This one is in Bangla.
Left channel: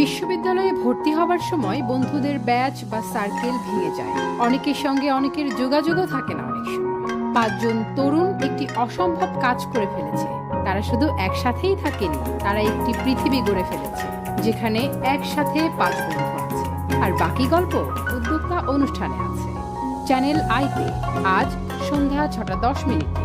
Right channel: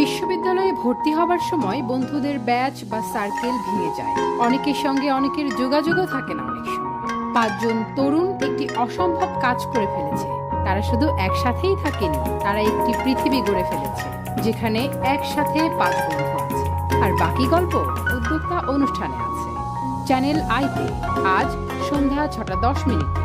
বিশ্ববিদ্যালয়ে ভর্তি হবার সময় বন্ধুদের ব্যাচ বা সার্কেল ভেঙে যায়। অনেকের সঙ্গে অনেকের যোগাযোগও থাকে না। অনেক সময় 5 জন তরুণ একটি অসম্ভব কাজ করে ফেলেছে। তারা শুধু একসাথেই থাকেনি, তারা একটি পৃথিবী গড়ে ফেলেছে যেখানে একসাথে 5 বন্ধু আছে। আর বাকি গল্প উদ্যোক্তা অনুষ্ঠানে আছে। চ্যানেল আইতে আজ সন্ধ্যা 6টা 10 মিনিটে।